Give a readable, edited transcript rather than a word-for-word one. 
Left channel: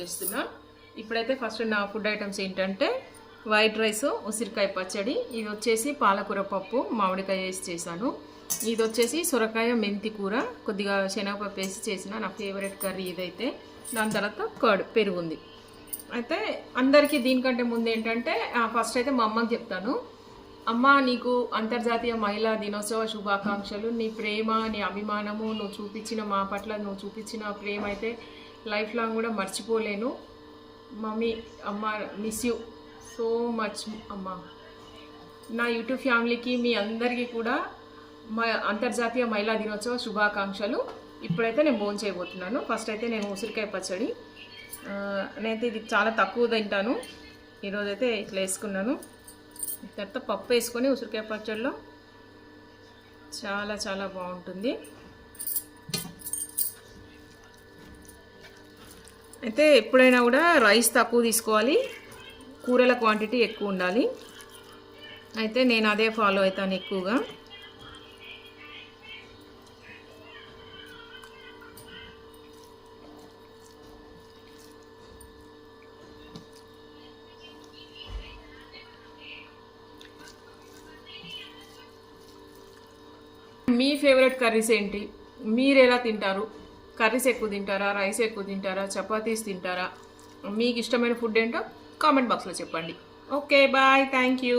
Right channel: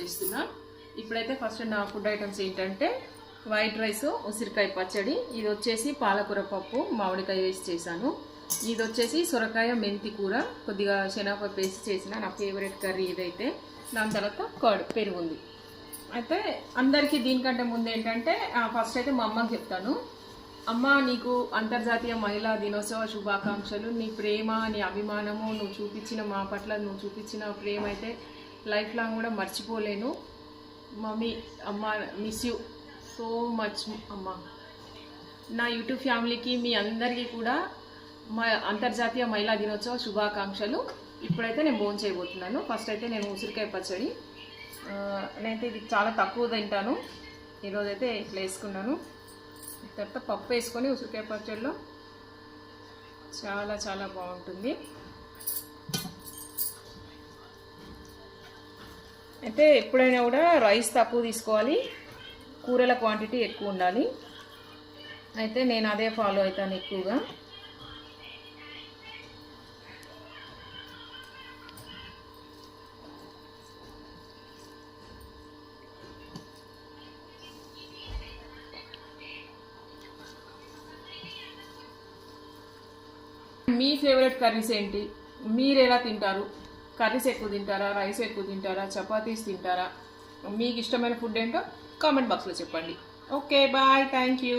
చేస్తున్నా. ఇప్పుడైతే ఫస్ట్ నా ఫుడ్ ఐటమ్స్ ఏంటంటే వైట్ రైస్, ఉసిరికాయ పచ్చడి, ఇది వచ్చేసి పాలకూర పప్పు మామిడికాయ వేసి చేశాను. ఇది వచ్చేసి సొరకాయ మెంతి కూర, కొద్దిగా శనగపప్పు వేసి చేసిన నా ఫేవరెట్ కర్రీ ఇదైతే. దాని తర్వాత కర్డ్ పెరుగుంది. అయితే అందరికీ దీనికంటే ముందు ఏంటంటే ఫస్ట్ అయితే మా అమ్మకి చెప్తాను. అమ్మ, నీకు అంతర్జాతీయ మహిళా దినోత్సవ శుభాకాంక్షలు. నీ ప్రేమ, నీ అభిమానము, నువ్వు చూపించిన మా పట్ల నువ్వు చూపించిన ప్రేమ అయితే లైఫ్ లాంగ్ కూడా మర్చిపోలేను. మమ్మీ, అమ్మ, మిస్ యూ సో మచ్ అమ్మ. నా యూట్యూబ్ ఫ్యామిలీకి మీ అందరికీ కూడా మా అంతర్జాతీయ మహిళా దినోత్సవ శుభాకాంక్షలు. ఇప్పుడైతే నేను భోజనం చేయబోతున్నాను. ఫస్ట్ అయితే నేను ఉసిరికాయ పచ్చడి, నేనైతే ఇది చాలా తక్కువ తింటాను, ఈరోజైతే ఇట్లా వేసుకున్నాను. తర్వాత పప్పు వేసుకొని ఉసిరికాయ పచ్చడిలో చాలా చాలా బాగుంటుంది. అయితే ఎప్పుడైనా కూడా రైస్ తక్కువ తీసుకోవాలి, కూరల క్వాంటిటీ ఎక్కువ ఉండాలి. అయితే నేను అదే ఫాలో అవుతాను ఎక్కువగా. మీ ఫేవరెట్ కర్రీస్ ఏంటి? మీరు ఎలా తింటారు? కర్రీస్ ఎక్కువ తింటారా, రైస్ ఎక్కువ తింటారా, చపాతీస్ తింటారా? మీకు ఇష్టమైన ఫుడ్ ఏంటో కామెంట్ బాక్స్లో చెప్పండి. Okay, bye, thank you.